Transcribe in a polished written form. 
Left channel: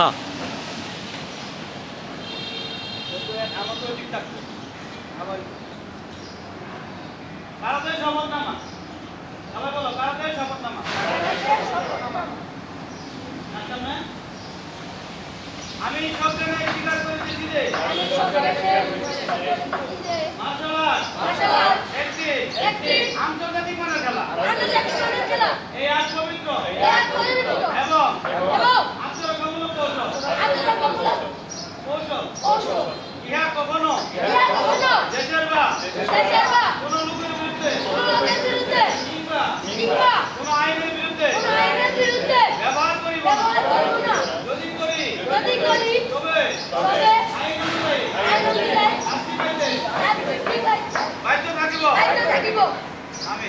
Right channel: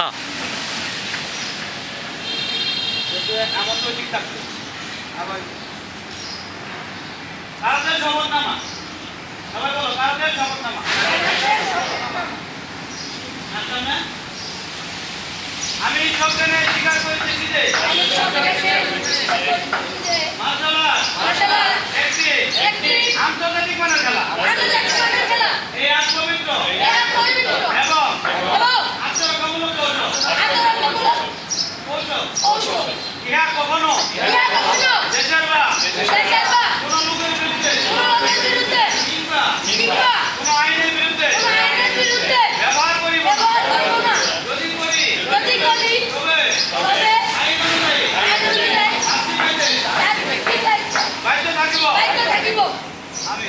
হ্যাঁ আমার তো ঠিক থাকবে আবার কারণের শপথনামা সবাই বলো কারণের শপথনামা আমি সজ্ঞানে স্বীকার করিতেছি যে মার্শাল একটি আন্তর্জাতিক মানের খেলা এই আজ পবিত্র এবং আত্মরক্ষামূলক কৌশল ইহা কখনো দেশের বা কোন লোকের বিরুদ্ধে কিংবা কোন আইনের বিরুদ্ধে ব্যবহার করিব না যদি করি তবে আইন অনুযায়ী শাস্তি পাইতে বাধ্য থাকিব। আমি